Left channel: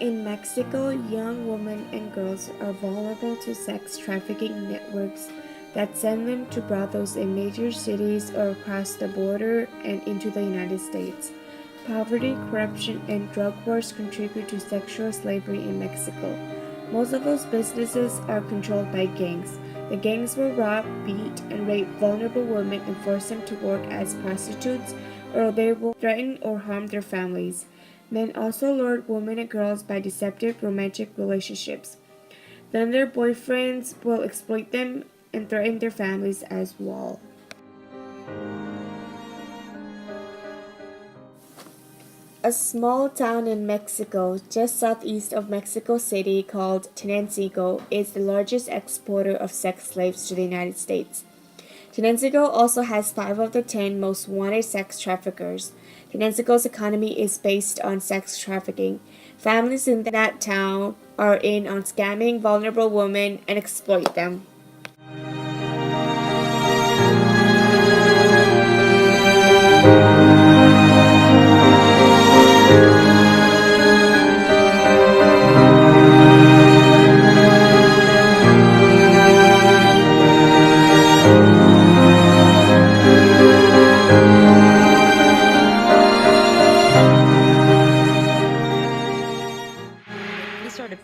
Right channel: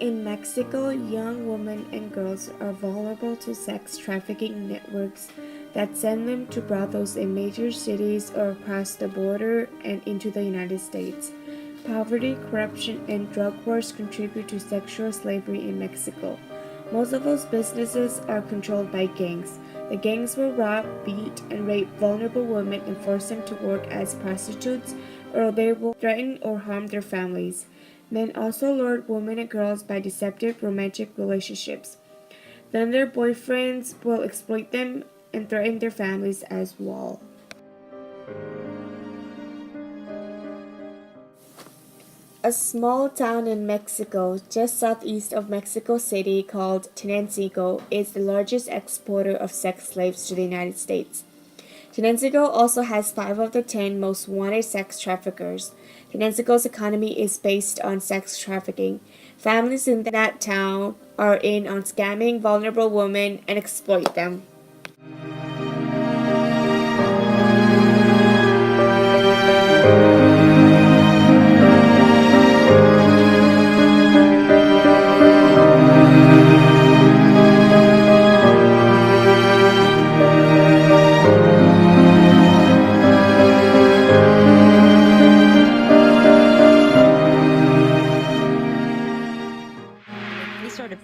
In Mexico, young women and girls are vulnerable to sex trafficking networks that send them to brothels in major cities or across the border and into the United States. Poverty, corruption, and drug wars contribute to sexual slavery in Mexico. Most of those businesses are controlled by gangs. The gangs will rob, beat, and rape vulnerable women and force them to work as prostitutes, or they will threaten or harm their families. Men also lure women and girls by deceptive romantic relationships. Then their boyfriends will exploit them and threaten their families as well. A small town in Mexico, just southeast of Mexico City called Tenancingo, is the largest exporter of sex slaves to the United States. Tenancingo also has 5 of the 10 most wanted sex traffickers. Tenancingo's economy is based on sex trafficking. Families in that town are in on scamming vulnerable women and exploit them.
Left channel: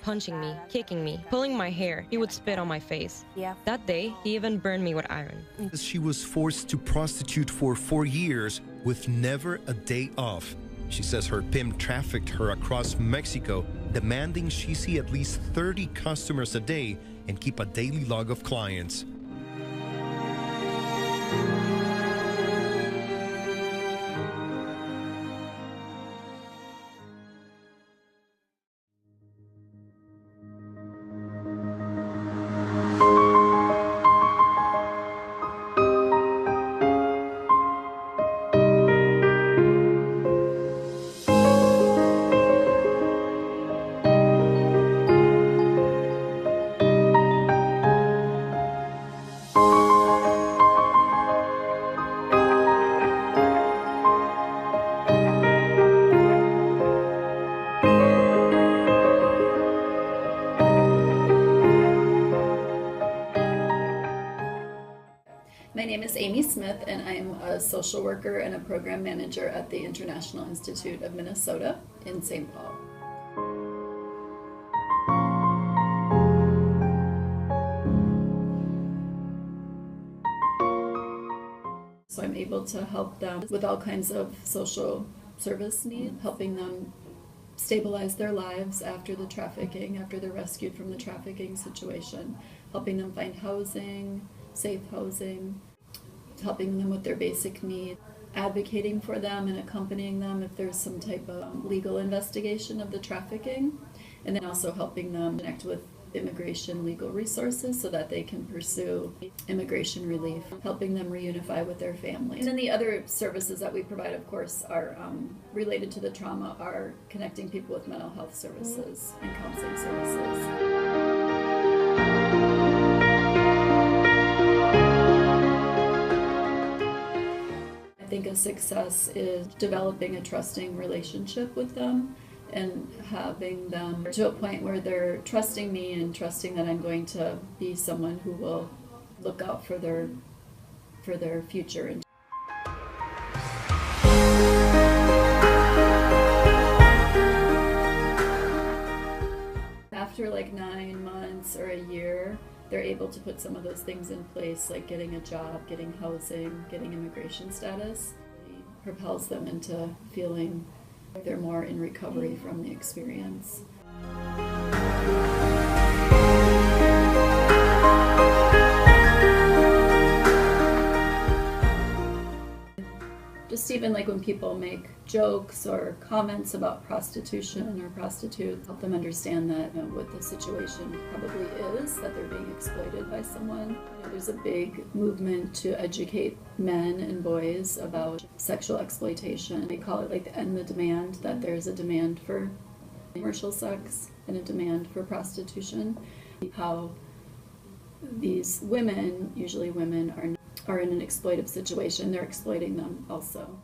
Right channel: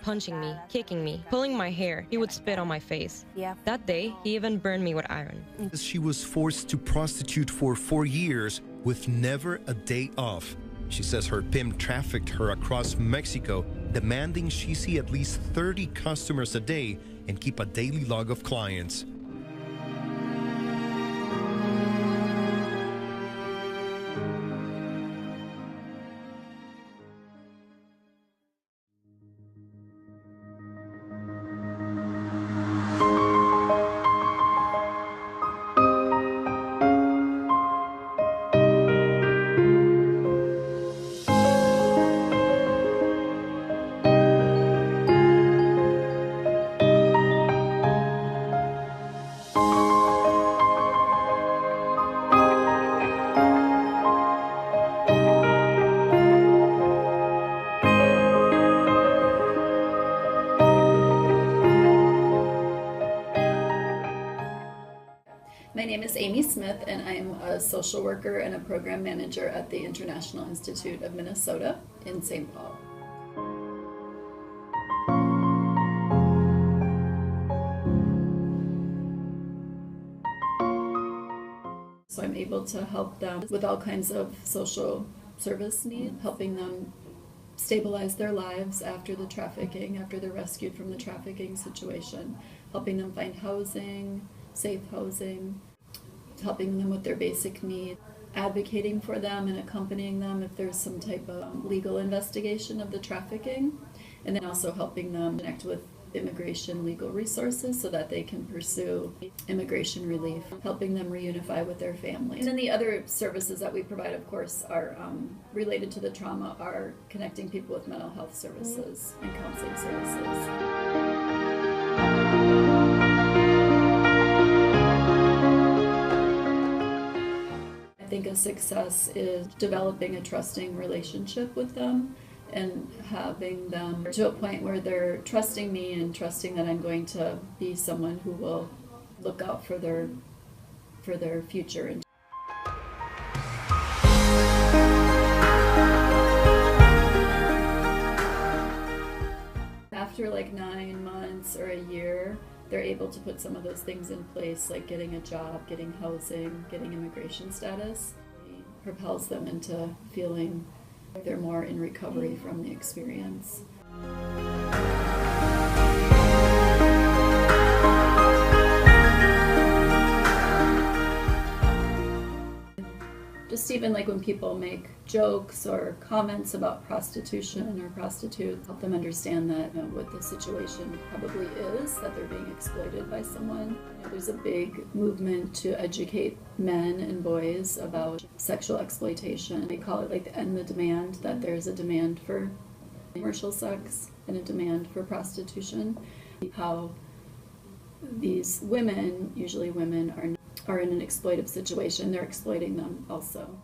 Punching me, kicking me, pulling my hair. He would spit on my face. That day, he even burned me with iron. She was forced to prostitute for 4 years with never a day off. She says her pimp trafficked her across Mexico, demanding she see at least 30 customers a day and keep a daily log of clients. My name is Amy Smith, and I'm a social worker and a program manager at the International Institute of Minnesota in St. Paul. So I'm able to help them with all kinds of social service needs, helping them stabilize their lives after the trafficking, after they're rescued from the trafficking situation, helping them find housing, safe housing, helping them with their basic needs, advocating for them and accompanying them if there's some type of legal investigation of the trafficking, and then also helping them connect with immigration legal resources so that they can pursue immigration relief, helping them reunify with their families. And then the other services that we provide, of course, are related to the trauma, are connecting people with mental health services and counseling services. I think a success is developing a trusting relationship with them and having them to a point where they're trusting me and trusting that I'm going to be someone who will look out for their future. After like 9 months or a year, they're able to put some of those things in place, like getting a job, getting housing, getting immigration status. It propels them into feeling like they're more in recovery from the experience. Just even like when people make jokes or comments about prostitution or prostitutes, help them understand that what the situation probably is, that they're being exploited by someone. There's a big movement to educate men and boys about sexual exploitation. They call it like the end the demand, that there's a demand for commercial sex and a demand for prostitution. How these women, usually women, are in an exploitive situation, they're exploiting them also.